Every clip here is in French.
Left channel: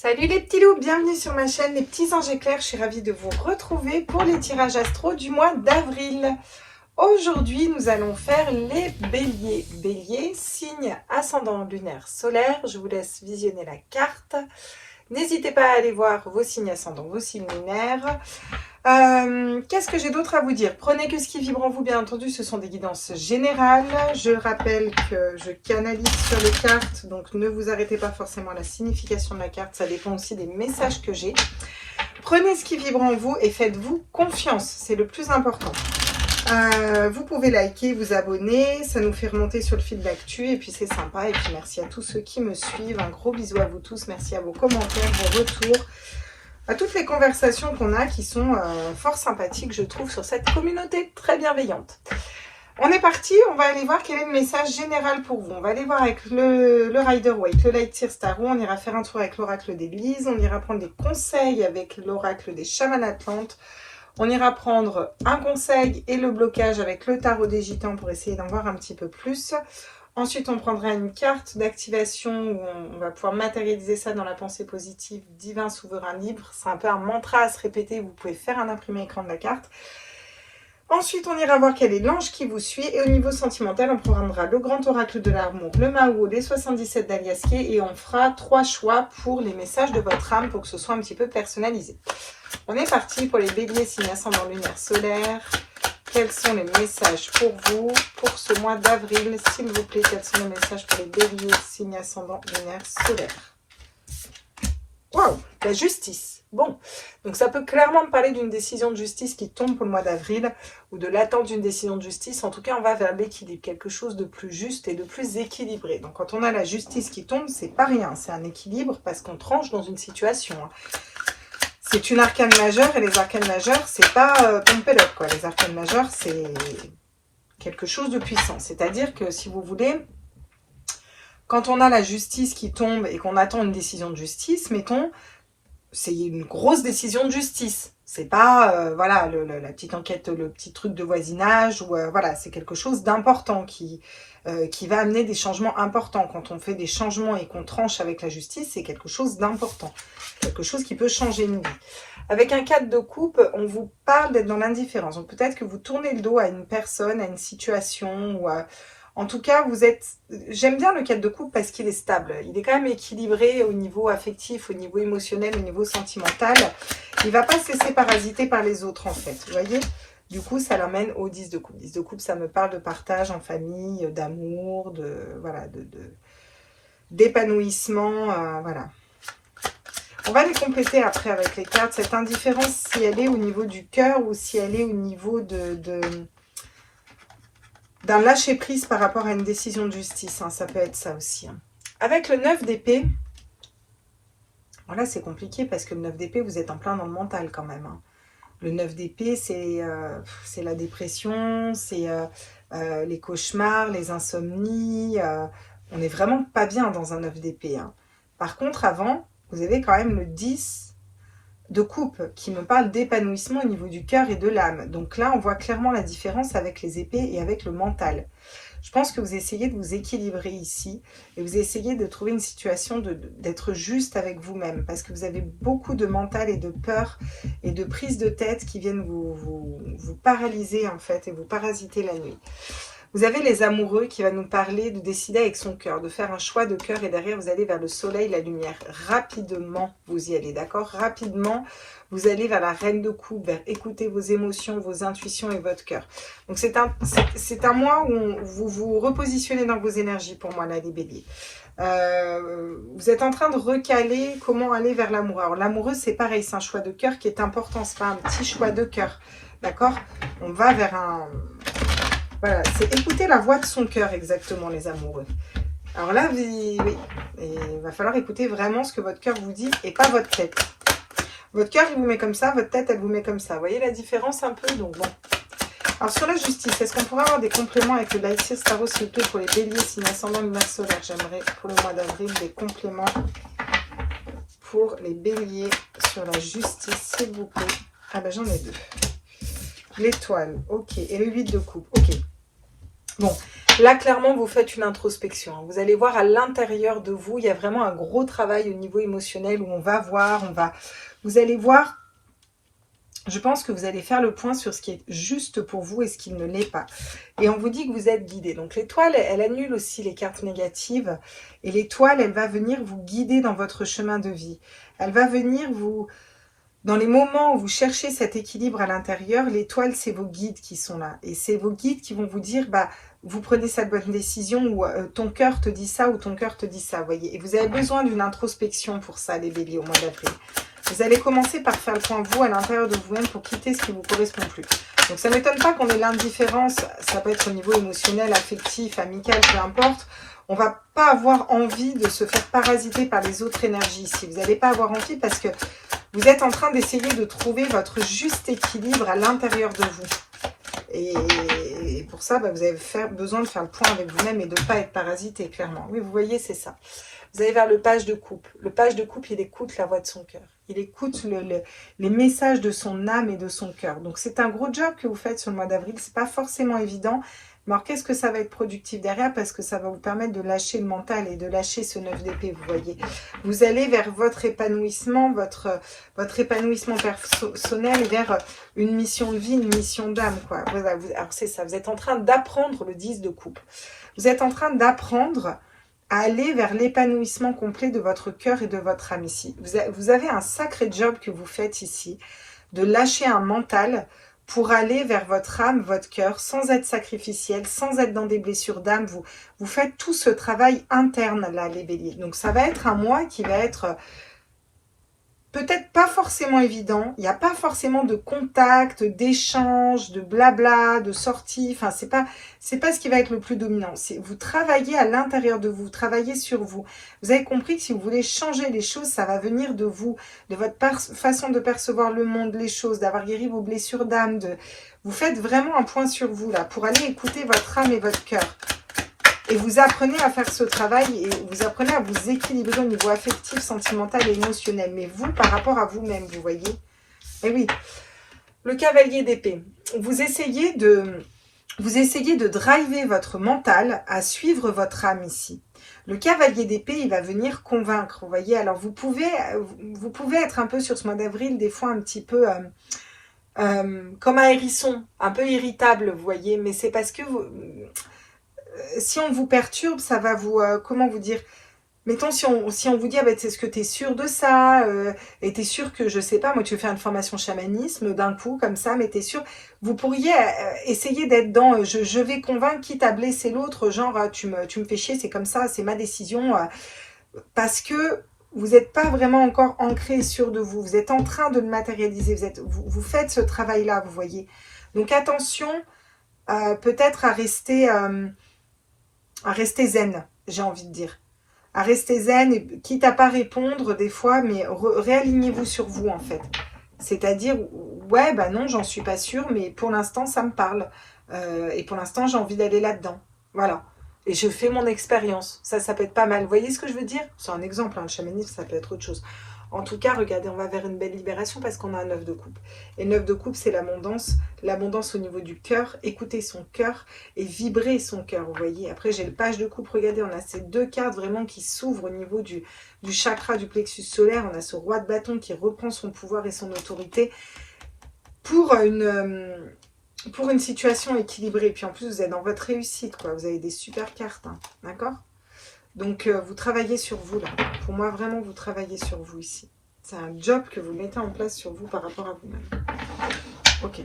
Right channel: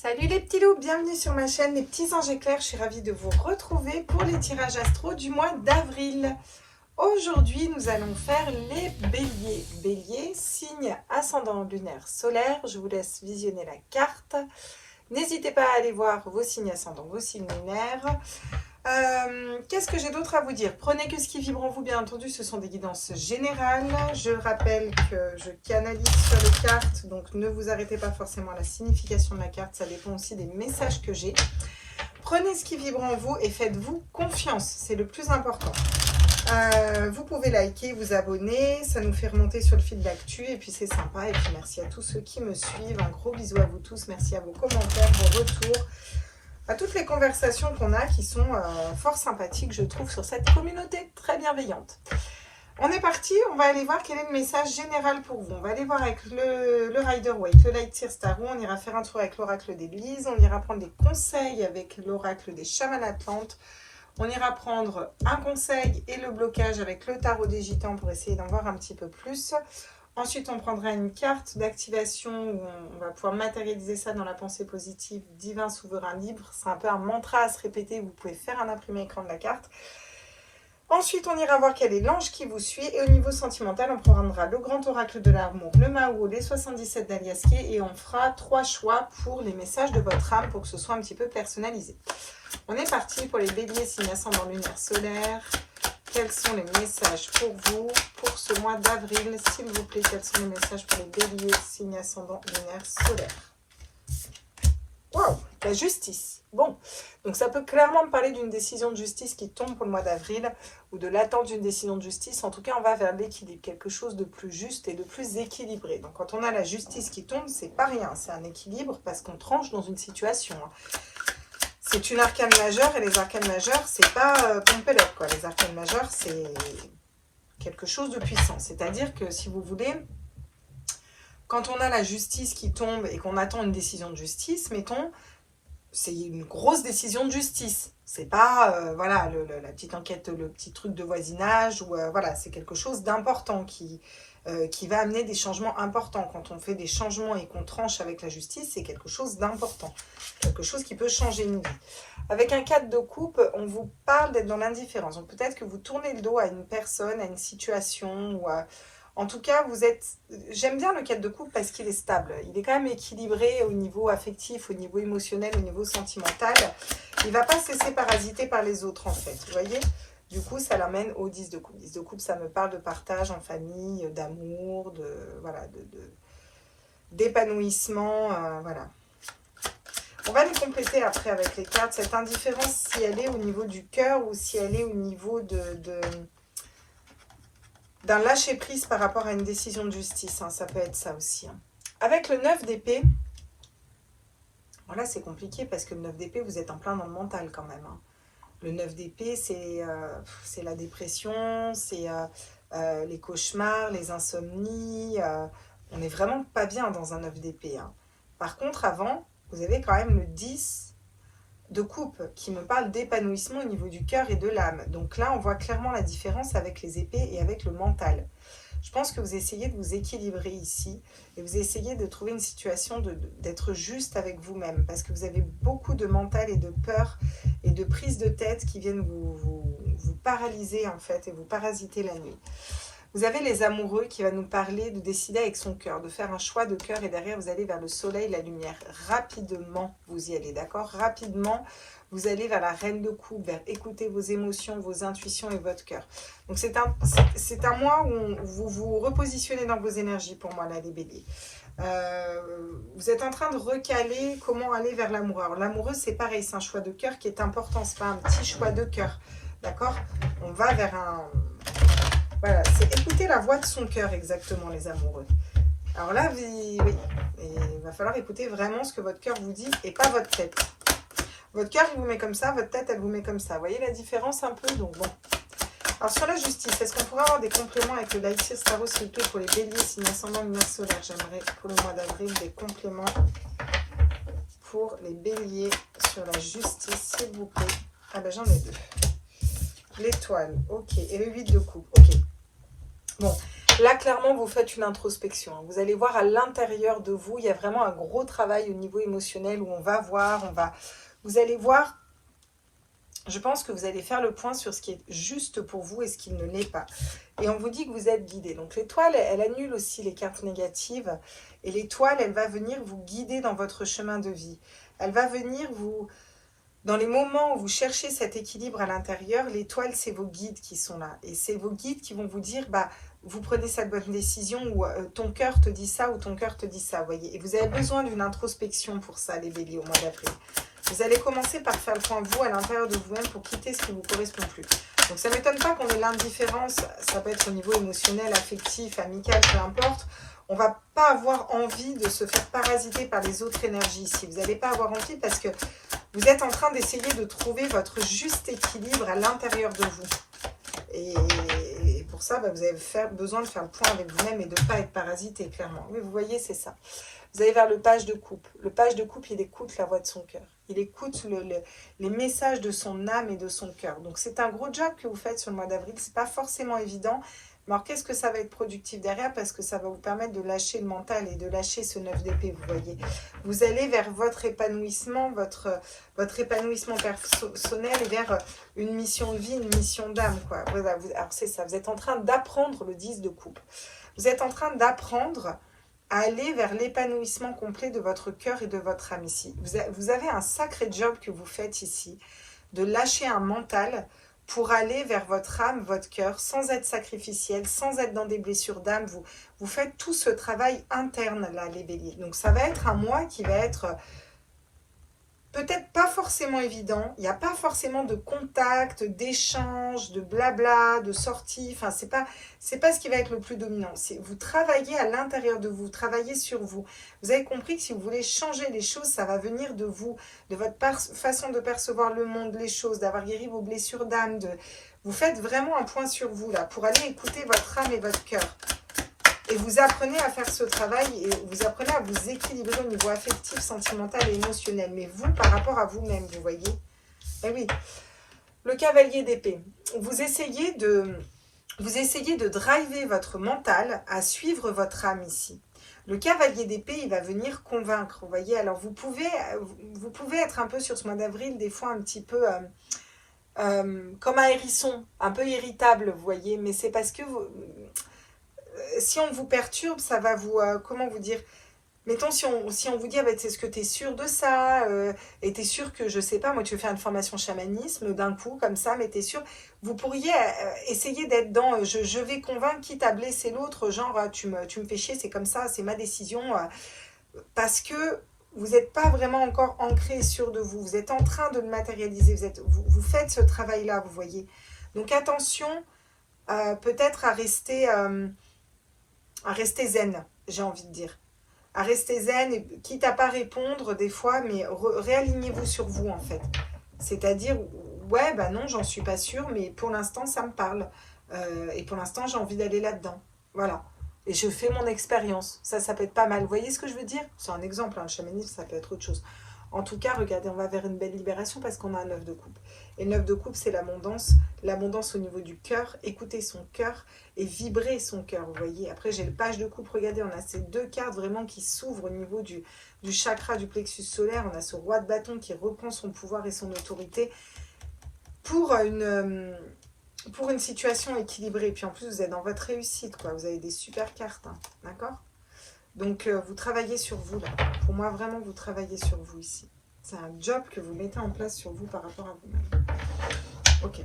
Salut les petits loups, bienvenue sur ma chaîne Les Petits Anges Éclairs. Je suis ravie de vous retrouver pour les tirages astro du mois d'avril. Aujourd'hui, nous allons faire les béliers. Bélier, signe ascendant lunaire solaire. Je vous laisse visionner la carte. N'hésitez pas à aller voir vos signes ascendants, vos signes lunaires. Qu'est-ce que j'ai d'autre à vous dire? Prenez que ce qui vibre en vous, bien entendu, ce sont des guidances générales. Je rappelle que je canalise sur les cartes, donc ne vous arrêtez pas forcément à la signification de la carte, ça dépend aussi des messages que j'ai. Prenez ce qui vibre en vous et faites-vous confiance, c'est le plus important. Vous pouvez liker, vous abonner, ça nous fait remonter sur le fil d'actu et puis c'est sympa. Et puis merci à tous ceux qui me suivent, un gros bisou à vous tous, merci à vos commentaires, vos retours, à toutes les conversations qu'on a qui sont fort sympathiques, je trouve, sur cette communauté très bienveillante. On est parti, on va aller voir quel est le message général pour vous. On va aller voir avec le Rider-Waite, le Light Seer Tarot, on ira faire un tour avec l'oracle d'Élise, on ira prendre des conseils avec l'oracle des chamans atlantes, on ira prendre un conseil et le blocage avec le tarot des gitans pour essayer d'en voir un petit peu plus. Ensuite, on prendra une carte d'activation où on va pouvoir matérialiser ça dans la pensée positive, divin, souverain, libre. C'est un peu un mantra à se répéter, vous pouvez faire un imprimé écran de la carte. Ensuite, on ira voir quel est l'ange qui vous suit. Et au niveau sentimental, on prendra le grand oracle de l'amour, le Mao, les 77 d'Aliaskier. Et on fera 3 choix pour les messages de votre âme pour que ce soit un petit peu personnalisé. On est parti pour les béliers, signe ascendant lunaire solaire. Quels sont les messages pour vous pour ce mois d'avril, s'il vous plaît? Quels sont les messages pour les béliers, signe ascendant lunaire solaire? Waouh, la justice. Bon, donc ça peut clairement parler d'une décision de justice qui tombe pour le mois d'avril ou de l'attente d'une décision de justice. En tout cas, on va vers l'équilibre, quelque chose de plus juste et de plus équilibré. Donc quand on a la justice qui tombe, c'est pas rien, c'est un équilibre parce qu'on tranche dans une situation. C'est une arcane majeure et les arcanes majeures, c'est pas pompelote, quoi. Les arcanes majeures, c'est quelque chose de puissant. C'est-à-dire que si vous voulez, quand on a la justice qui tombe et qu'on attend une décision de justice, mettons, c'est une grosse décision de justice. C'est pas, voilà, la petite enquête, le petit truc de voisinage, ou voilà, c'est quelque chose d'important qui va amener des changements importants. Quand on fait des changements et qu'on tranche avec la justice, c'est quelque chose d'important. Quelque chose qui peut changer une vie. Avec un 4 de coupe, on vous parle d'être dans l'indifférence. Donc peut-être que vous tournez le dos à une personne, à une situation, ou en tout cas, vous êtes... J'aime bien le 4 de coupe parce qu'il est stable. Il est quand même équilibré au niveau affectif, au niveau émotionnel, au niveau sentimental. Il ne va pas se laisser parasiter par les autres, en fait. Vous voyez ? Du coup, ça l'amène au 10 de coupe. 10 de coupe, ça me parle de partage en famille, d'amour, voilà, d'épanouissement, voilà. On va les compléter après avec les cartes. Cette indifférence, si elle est au niveau du cœur ou si elle est au niveau d'un lâcher-prise par rapport à une décision de justice. Ça peut être ça aussi. Avec le 9 d'épée, voilà, c'est compliqué parce que le 9 d'épée, vous êtes en plein dans le mental quand même. Le 9 d'épée, c'est la dépression, c'est les cauchemars, les insomnies. On n'est vraiment pas bien dans un 9 d'épée. Par contre, avant, vous avez quand même le 10 de coupe qui me parle d'épanouissement au niveau du cœur et de l'âme. Donc là, on voit clairement la différence avec les épées et avec le mental. Je pense que vous essayez de vous équilibrer ici et vous essayez de trouver une situation d'être juste avec vous-même parce que vous avez beaucoup de mental et de peur et de prise de tête qui viennent vous paralyser en fait et vous parasiter la nuit. Vous avez les amoureux qui va nous parler de décider avec son cœur, de faire un choix de cœur et derrière vous allez vers le soleil, la lumière. Rapidement, vous y allez, d'accord? Rapidement, vous allez vers la reine de coupe, vers écouter vos émotions, vos intuitions et votre cœur. Donc c'est un mois où vous vous repositionnez dans vos énergies pour moi, là, les béliers. Vous êtes en train de recaler comment aller vers l'amour. Alors l'amoureux, c'est pareil, c'est un choix de cœur qui est important, c'est pas un petit choix de cœur, d'accord? On va vers un... Voilà, c'est écouter la voix de son cœur exactement, les amoureux. Alors là, oui, il va falloir écouter vraiment ce que votre cœur vous dit et pas votre tête. Votre cœur, il vous met comme ça, votre tête, elle vous met comme ça. Vous voyez la différence un peu? Donc bon. Alors sur la justice, est-ce qu'on pourrait avoir des compléments avec le Light Seer Tarot, s'il vous plaît, pour les béliers, signe ascendant lunaire solaire? J'aimerais pour le mois d'avril des compléments pour les béliers sur la justice, s'il vous plaît. Ah ben j'en ai 2. L'étoile, ok. Et le 8 de coupe, ok. Bon, Là, clairement, vous faites une introspection. Vous allez voir à l'intérieur de vous, il y a vraiment un gros travail au niveau émotionnel où on va voir, vous allez voir, je pense que vous allez faire le point sur ce qui est juste pour vous et ce qui ne l'est pas. Et on vous dit que vous êtes guidé. Donc l'étoile, elle annule aussi les cartes négatives. Et l'étoile, elle va venir vous guider dans votre chemin de vie. Elle va venir vous... Dans les moments où vous cherchez cet équilibre à l'intérieur, l'étoile, c'est vos guides qui sont là. Et c'est vos guides qui vont vous dire, bah, vous prenez cette bonne décision ou ton cœur te dit ça ou ton cœur te dit ça, voyez. Et vous avez besoin d'une introspection pour ça, les béliers, au mois d'avril. Vous allez commencer par faire le point vous à l'intérieur de vous-même pour quitter ce qui ne vous correspond plus. Donc ça ne m'étonne pas qu'on ait l'indifférence, ça peut être au niveau émotionnel, affectif, amical, peu importe. On ne va pas avoir envie de se faire parasiter par les autres énergies ici. Vous n'allez pas avoir envie parce que vous êtes en train d'essayer de trouver votre juste équilibre à l'intérieur de vous. Et pour ça, bah, vous avez besoin de faire le point avec vous-même et de ne pas être parasité, clairement. Oui, vous voyez, c'est ça. Vous allez vers le page de coupe. Le page de coupe, il écoute la voix de son cœur. Il écoute les messages de son âme et de son cœur. Donc, c'est un gros job que vous faites sur le mois d'avril. Ce n'est pas forcément évident. Mais alors, qu'est-ce que ça va être productif derrière? Parce que ça va vous permettre de lâcher le mental et de lâcher ce 9 d'épée, vous voyez. Vous allez vers votre épanouissement, votre épanouissement personnel, vers une mission de vie, une mission d'âme, quoi. Voilà, alors, c'est ça. Vous êtes en train d'apprendre le 10 de coupe. Vous êtes en train d'apprendre à aller vers l'épanouissement complet de votre cœur et de votre âme ici. Vous avez un sacré job que vous faites ici, de lâcher un mental pour aller vers votre âme, votre cœur, sans être sacrificiel, sans être dans des blessures d'âme. Vous faites tout ce travail interne, là, les béliers. Donc, ça va être un mois qui va être peut-être pas forcément évident. Il n'y a pas forcément de contact, d'échange, de blabla, de sortie. Enfin, c'est pas ce qui va être le plus dominant. Vous travaillez à l'intérieur de vous, vous travaillez sur vous. Vous avez compris que si vous voulez changer les choses, ça va venir de vous, de votre façon de percevoir le monde, les choses, d'avoir guéri vos blessures d'âme. Vous faites vraiment un point sur vous, là, pour aller écouter votre âme et votre cœur. Et vous apprenez à faire ce travail et vous apprenez à vous équilibrer au niveau affectif, sentimental et émotionnel. Mais vous, par rapport à vous-même, vous voyez. Et oui, le cavalier d'épée. Vous essayez de driver votre mental à suivre votre âme ici. Le cavalier d'épée, il va venir convaincre, vous voyez. Alors, vous pouvez être un peu sur ce mois d'avril, des fois un petit peu... comme un hérisson, un peu irritable, vous voyez. Mais c'est parce que... si on vous perturbe, ça va vous... comment vous dire? Mettons, si on vous dit, ah ben, est-ce que tu es sûr de ça et tu es sûr que, je sais pas, moi, tu veux faire une formation chamanisme d'un coup, comme ça, mais tu es sûr. Vous pourriez essayer d'être dans, je vais convaincre, quitte à blesser l'autre, genre, tu me fais chier, c'est comme ça, c'est ma décision. Parce que vous n'êtes pas vraiment encore ancré sûr de vous. Vous êtes en train de le matérialiser. Vous faites ce travail-là, vous voyez. Donc, attention, peut-être à rester zen, j'ai envie de dire. À rester zen, et, quitte à pas répondre des fois, mais réalignez-vous sur vous, en fait. C'est-à-dire, ouais, bah non, j'en suis pas sûre, mais pour l'instant, ça me parle. Et pour l'instant, j'ai envie d'aller là-dedans. Voilà. Et je fais mon expérience. Ça peut être pas mal. Vous voyez ce que je veux dire? C'est un exemple, hein, le chamanisme, ça peut être autre chose. En tout cas, regardez, on va vers une belle libération parce qu'on a un 9 de coupe. Et 9 de coupe, c'est l'abondance. L'abondance au niveau du cœur. Écouter son cœur et vibrer son cœur, vous voyez. Après, j'ai le page de coupe. Regardez, on a ces deux cartes vraiment qui s'ouvrent au niveau du chakra du plexus solaire. On a ce roi de bâton qui reprend son pouvoir et son autorité pour une situation équilibrée. Et puis en plus, vous êtes dans votre réussite, quoi. Vous avez des super cartes, hein, d'accord? Donc, vous travaillez sur vous, là. Pour moi, vraiment, vous travaillez sur vous, ici. C'est un job que vous mettez en place sur vous par rapport à vous-même. Ok.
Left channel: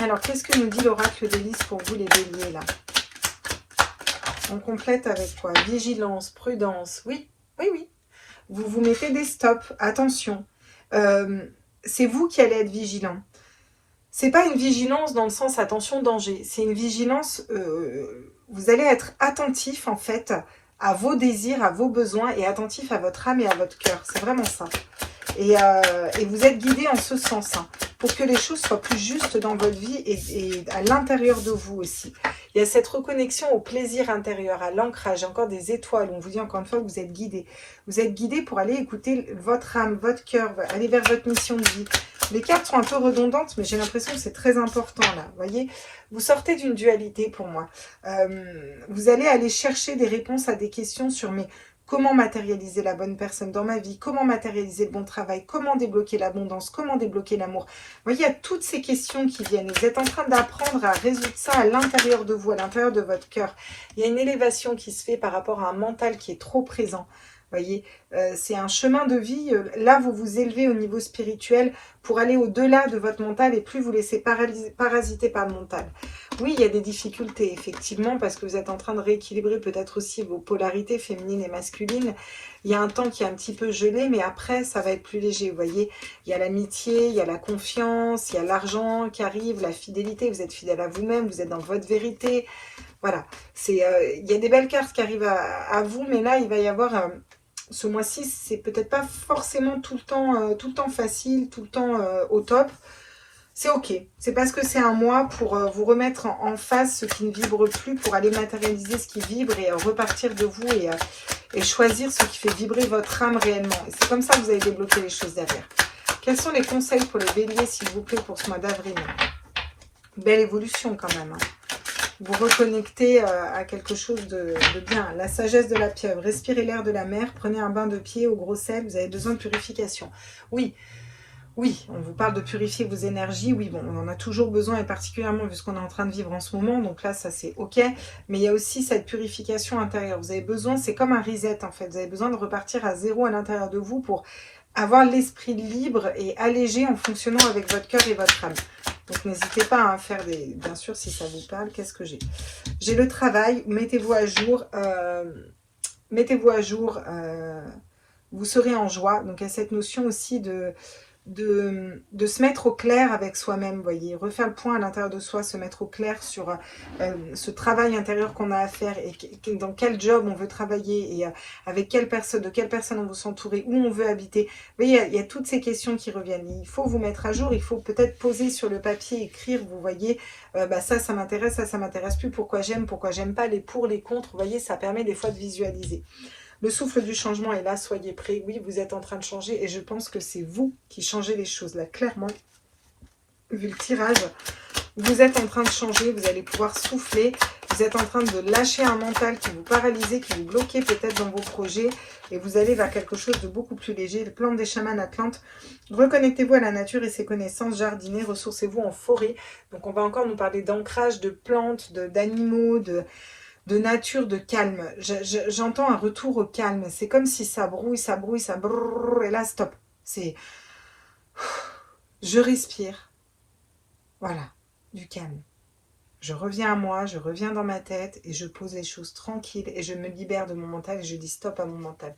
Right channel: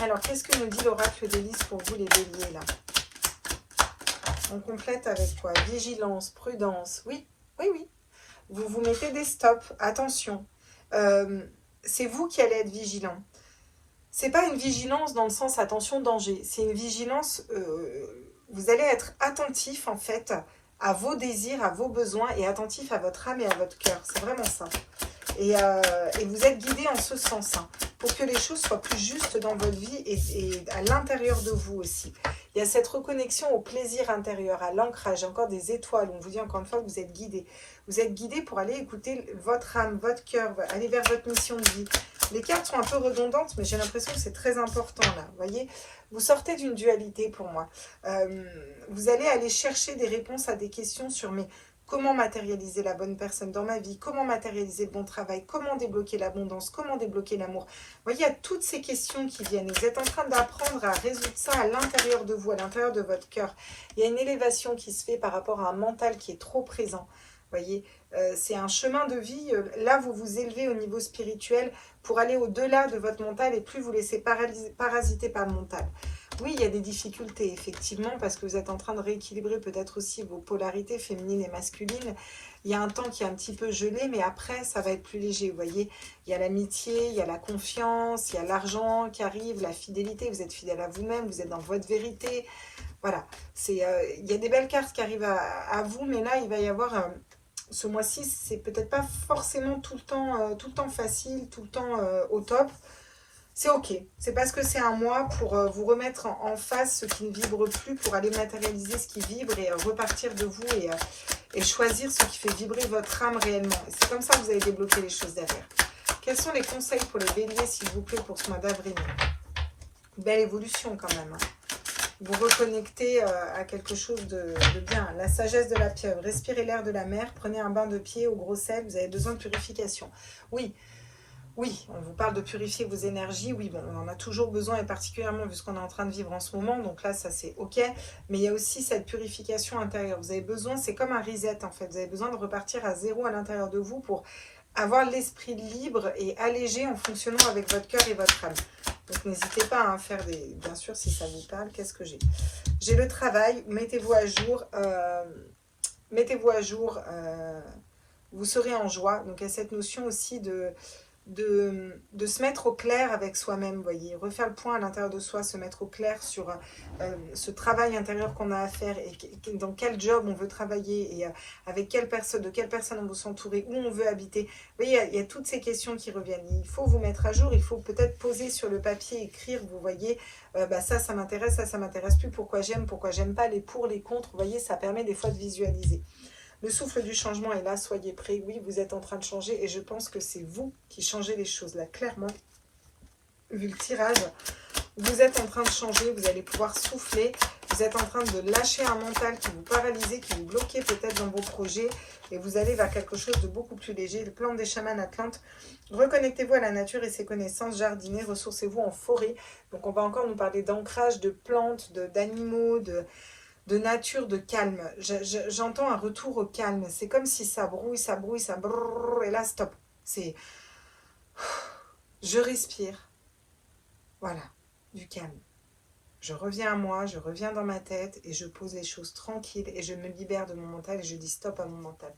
Alors, qu'est-ce que nous dit l'oracle de Lys pour vous, les béliers, là? On complète avec quoi? Vigilance, prudence. Oui, oui, oui. Vous vous mettez des stops. Attention. C'est vous qui allez être vigilant. C'est pas une vigilance dans le sens attention, danger. C'est une vigilance... vous allez être attentif, en fait, à vos désirs, à vos besoins et attentif à votre âme et à votre cœur. C'est vraiment ça. Et vous êtes guidé en ce sens, hein, pour que les choses soient plus justes dans votre vie et à l'intérieur de vous aussi. Il y a cette reconnexion au plaisir intérieur, à l'ancrage, encore des étoiles. On vous dit encore une fois que vous êtes guidé. Vous êtes guidé pour aller écouter votre âme, votre cœur, aller vers votre mission de vie. Les cartes sont un peu redondantes, mais j'ai l'impression que c'est très important là. Vous voyez, vous sortez d'une dualité pour moi. Vous allez aller chercher des réponses à des questions sur mais comment matérialiser la bonne personne dans ma vie, comment matérialiser le bon travail, comment débloquer l'abondance, comment débloquer l'amour. Vous voyez, il y a toutes ces questions qui viennent. Vous êtes en train d'apprendre à résoudre ça à l'intérieur de vous, à l'intérieur de votre cœur. Il y a une élévation qui se fait par rapport à un mental qui est trop présent. Vous voyez, c'est un chemin de vie. Là, vous vous élevez au niveau spirituel pour aller au-delà de votre mental et plus vous laisser parasiter par le mental. Oui, il y a des difficultés, effectivement, parce que vous êtes en train de rééquilibrer peut-être aussi vos polarités féminines et masculines. Il y a un temps qui est un petit peu gelé, mais après, ça va être plus léger. Vous voyez, il y a l'amitié, il y a la confiance, il y a l'argent qui arrive, la fidélité. Vous êtes fidèle à vous-même, vous êtes dans votre vérité. Voilà, il y a des belles cartes qui arrivent à vous, mais là, il va y avoir... ce mois-ci, c'est peut-être pas forcément tout le temps facile, tout le temps au top. C'est ok. C'est parce que c'est un mois pour vous remettre en face ce qui ne vibre plus, pour aller matérialiser ce qui vibre et repartir de vous et choisir ce qui fait vibrer votre âme réellement. Et c'est comme ça que vous allez débloquer les choses derrière. Quels sont les conseils pour les béliers, s'il vous plaît, pour ce mois d'avril? Belle évolution quand même. Vous reconnectez à quelque chose de bien. La sagesse de la pieuvre. Respirez l'air de la mer. Prenez un bain de pied au gros sel. Vous avez besoin de purification. Oui, oui, on vous parle de purifier vos énergies. Oui, bon, on en a toujours besoin, et particulièrement vu ce qu'on est en train de vivre en ce moment. Donc là, ça c'est ok. Mais il y a aussi cette purification intérieure. Vous avez besoin, c'est comme un reset en fait. Vous avez besoin de repartir à zéro à l'intérieur de vous pour avoir l'esprit libre et allégé en fonctionnant avec votre cœur et votre âme. Donc n'hésitez pas à faire des... Bien sûr, si ça vous parle, qu'est-ce que j'ai? J'ai le travail, mettez-vous à jour. Mettez-vous à jour. Vous serez en joie. Donc il y a cette notion aussi de se mettre au clair avec soi-même, vous voyez, refaire le point à l'intérieur de soi, se mettre au clair sur ce travail intérieur qu'on a à faire et dans quel job on veut travailler et avec quelle personne, de quelle personne on veut s'entourer, où on veut habiter. Vous voyez, il y a toutes ces questions qui reviennent. Il faut vous mettre à jour, il faut peut-être poser sur le papier, écrire, vous voyez, ça m'intéresse, ça m'intéresse plus, pourquoi j'aime pas, les pour, les contre, vous voyez, ça permet des fois de visualiser. Le souffle du changement est là, soyez prêts. Oui, vous êtes en train de changer et je pense que c'est vous qui changez les choses. Là, clairement, vu le tirage, vous êtes en train de changer, vous allez pouvoir souffler. Vous êtes en train de lâcher un mental qui vous paralysait, qui vous bloquait peut-être dans vos projets. Et vous allez vers quelque chose de beaucoup plus léger. Le plan des chamans atlantes. Reconnectez-vous à la nature et ses connaissances. Jardinez, ressourcez-vous en forêt. Donc on va encore nous parler d'ancrage, de plantes, d'animaux, de nature, de calme. J'entends un retour au calme. C'est comme si ça brouille, ça brrr, et là, stop. C'est... Je respire. Voilà, du calme. Je reviens à moi, je reviens dans ma tête et je pose les choses tranquilles et je me libère de mon mental et je dis stop à mon mental.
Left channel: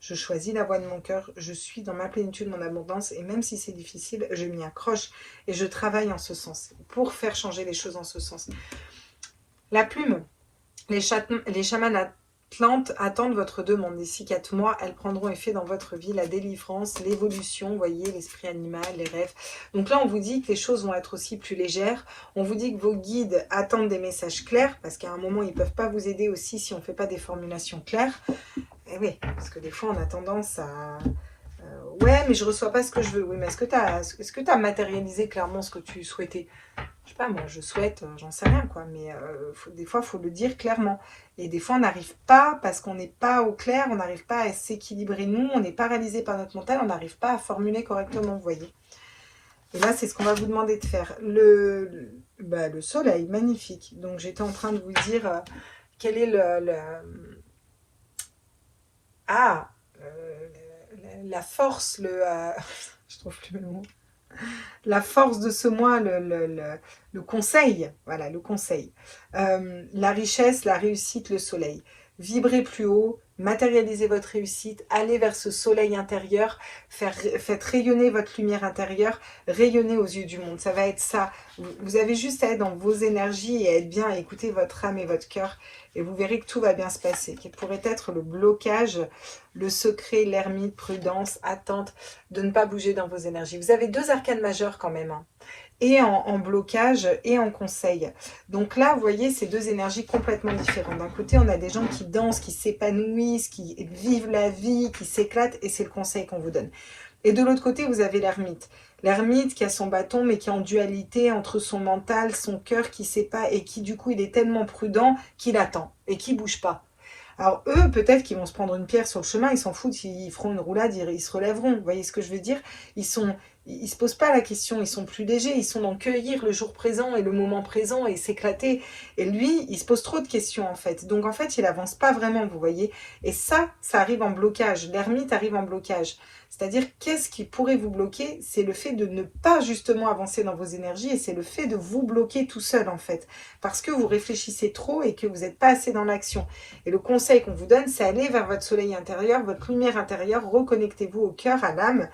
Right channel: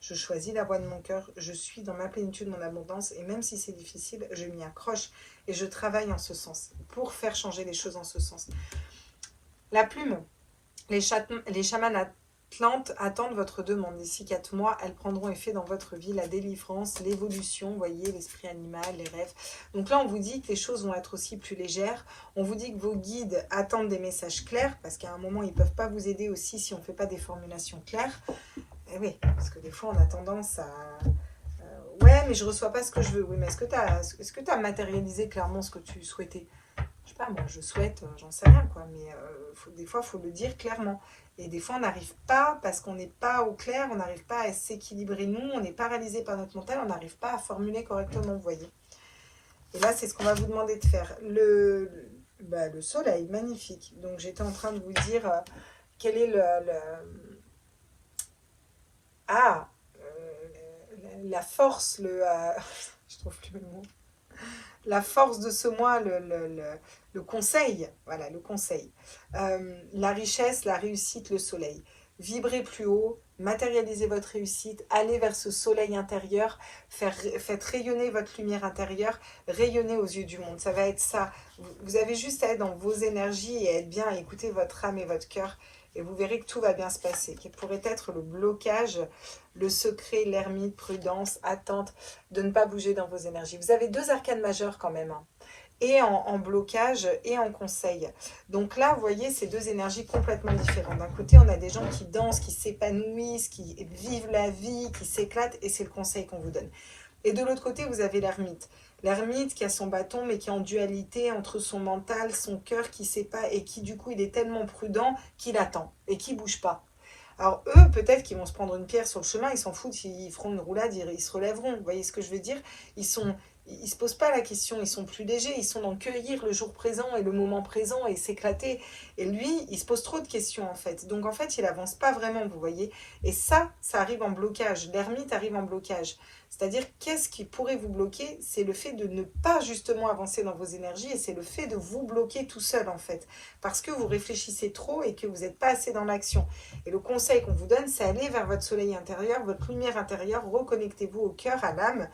Je choisis la voie de mon cœur, je suis dans ma plénitude, mon abondance et même si c'est difficile, je m'y accroche et je travaille en ce sens pour faire changer les choses en ce sens. La plume. Les chamans atlantes attendent votre demande. D'ici 4 mois, elles prendront effet dans votre vie. La délivrance, l'évolution, vous voyez, l'esprit animal, les rêves. Donc là, on vous dit que les choses vont être aussi plus légères. On vous dit que vos guides attendent des messages clairs, parce qu'à un moment, ils ne peuvent pas vous aider aussi si on ne fait pas des formulations claires. Et oui, parce que des fois, on a tendance à... ouais, mais je ne reçois pas ce que je veux. Oui, mais est-ce que tu as matérialisé clairement ce que tu souhaitais? Je sais pas, moi je souhaite, j'en sais rien quoi, mais des fois il faut le dire clairement. Et des fois on n'arrive pas, parce qu'on n'est pas au clair, on n'arrive pas à s'équilibrer nous, on est paralysé par notre mental, on n'arrive pas à formuler correctement, vous voyez. Et là c'est ce qu'on va vous demander de faire. Le soleil, magnifique. Donc j'étais en train de vous dire quel est la force, je trouve plus le mot. La force de ce mois, le conseil, voilà, le conseil. La richesse, la réussite, le soleil. Vibrez plus haut, matérialisez votre réussite, allez vers ce soleil intérieur, faites rayonner votre lumière intérieure, rayonner aux yeux du monde. Ça va être ça. Vous avez juste à être dans vos énergies et à être bien, à écouter votre âme et votre cœur. Et vous verrez que tout va bien se passer. Quel pourrait être le blocage, le secret, l'ermite, prudence, attente, de ne pas bouger dans vos énergies. Vous avez 2 arcanes majeures quand même, hein, et en blocage et en conseil. Donc là, vous voyez, c'est 2 énergies complètement différentes. D'un côté, on a des gens qui dansent, qui s'épanouissent, qui vivent la vie, qui s'éclatent, et c'est le conseil qu'on vous donne. Et de l'autre côté, vous avez l'ermite. L'ermite qui a son bâton, mais qui est en dualité entre son mental, son cœur, qui ne sait pas, et qui du coup, il est tellement prudent qu'il attend et qui ne bouge pas. Alors eux, peut-être qu'ils vont se prendre une pierre sur le chemin, ils s'en foutent, ils feront une roulade, ils se relèveront. Vous voyez ce que je veux dire? Ils se posent pas la question, ils sont plus légers, ils sont dans cueillir le jour présent et le moment présent et s'éclater. Et lui, il se pose trop de questions en fait. Donc en fait, il avance pas vraiment, vous voyez. Et ça arrive en blocage. L'ermite arrive en blocage. C'est-à-dire, qu'est-ce qui pourrait vous bloquer? C'est le fait de ne pas justement avancer dans vos énergies et c'est le fait de vous bloquer tout seul en fait. Parce que vous réfléchissez trop et que vous n'êtes pas assez dans l'action. Et le conseil qu'on vous donne, c'est aller vers votre soleil intérieur, votre lumière intérieure, reconnectez-vous au cœur, à l'âme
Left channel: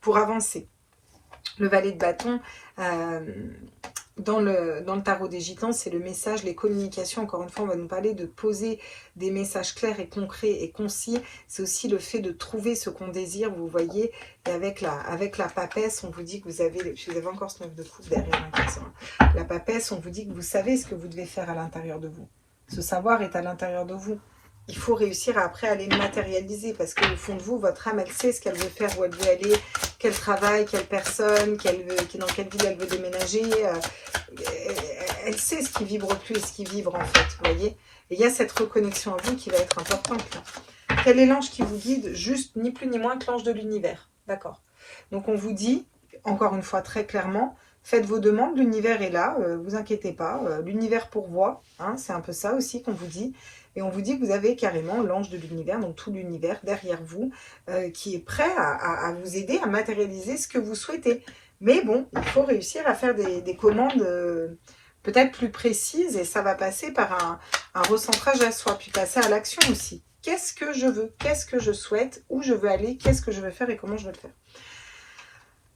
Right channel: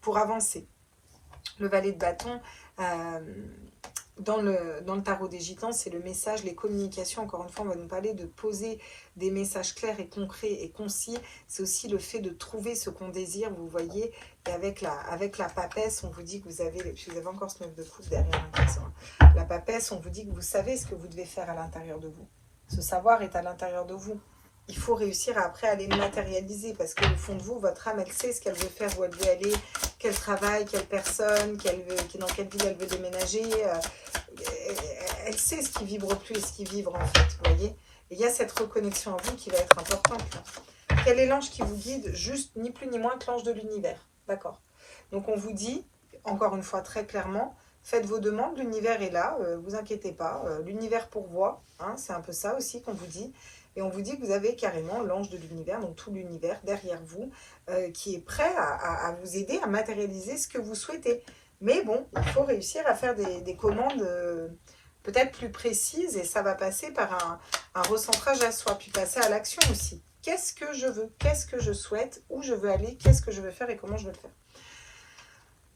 pour avancer. Le valet de bâton, dans le tarot des gitans, c'est le message, les communications. Encore une fois, on va nous parler de poser des messages clairs et concrets et concis. C'est aussi le fait de trouver ce qu'on désire, vous voyez. Et avec la papesse, on vous dit que vous avez encore ce 9 de coupe derrière. La papesse, on vous dit que vous savez ce que vous devez faire à l'intérieur de vous. Ce savoir est à l'intérieur de vous. Il faut réussir après à les matérialiser parce qu'au fond de vous, votre âme, elle sait ce qu'elle veut faire, où elle veut aller, quel travail, quelle personne, dans quelle ville elle veut déménager. Elle sait ce qui vibre plus et ce qui vibre en fait, vous voyez. Et il y a cette reconnexion à vous qui va être importante là. Quel est l'ange qui vous guide? Juste ni plus ni moins que l'ange de l'univers, d'accord. Donc on vous dit, encore une fois très clairement, faites vos demandes, l'univers est là, vous inquiétez pas, l'univers pourvoit, hein, c'est un peu ça aussi qu'on vous dit. Et on vous dit que vous avez carrément l'ange de l'univers, donc tout l'univers derrière vous, qui est prêt à vous aider à matérialiser ce que vous souhaitez. Mais bon, il faut réussir à faire des commandes peut-être plus précises et ça va passer par un recentrage à soi, puis passer à l'action aussi. Qu'est-ce que je veux? Qu'est-ce que je souhaite? Où je veux aller? Qu'est-ce que je veux faire et comment je veux le faire?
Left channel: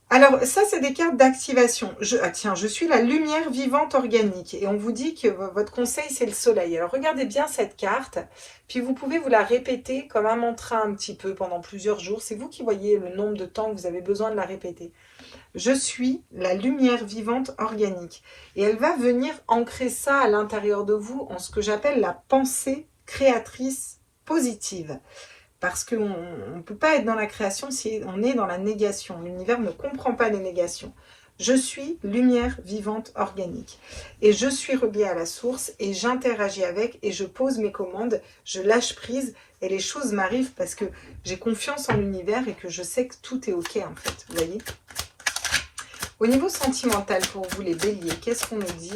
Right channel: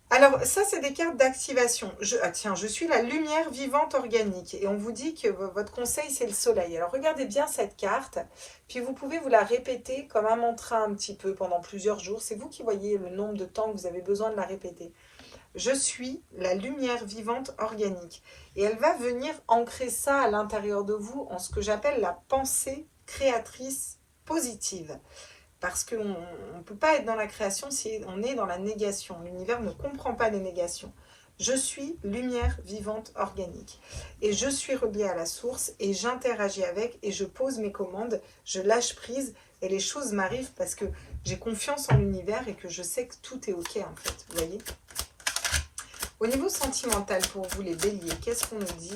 Alors, ça, c'est des cartes d'activation. Tiens, je suis la lumière vivante organique. Et on vous dit que votre conseil, c'est le soleil. Alors, regardez bien cette carte. Puis, vous pouvez vous la répéter comme un mantra un petit peu pendant plusieurs jours. C'est vous qui voyez le nombre de temps que vous avez besoin de la répéter. Je suis la lumière vivante organique. Et elle va venir ancrer ça à l'intérieur de vous en ce que j'appelle la pensée créatrice positive. Parce qu'on ne peut pas être dans la création si on est dans la négation. L'univers ne comprend pas les négations. Je suis lumière vivante organique. Et je suis reliée à la source et j'interagis avec et je pose mes commandes, je lâche prise et les choses m'arrivent parce que j'ai confiance en l'univers et que je sais que tout est ok en fait. Vous voyez ? Au niveau sentimental pour vous les béliers, qu'est-ce qu'on nous dit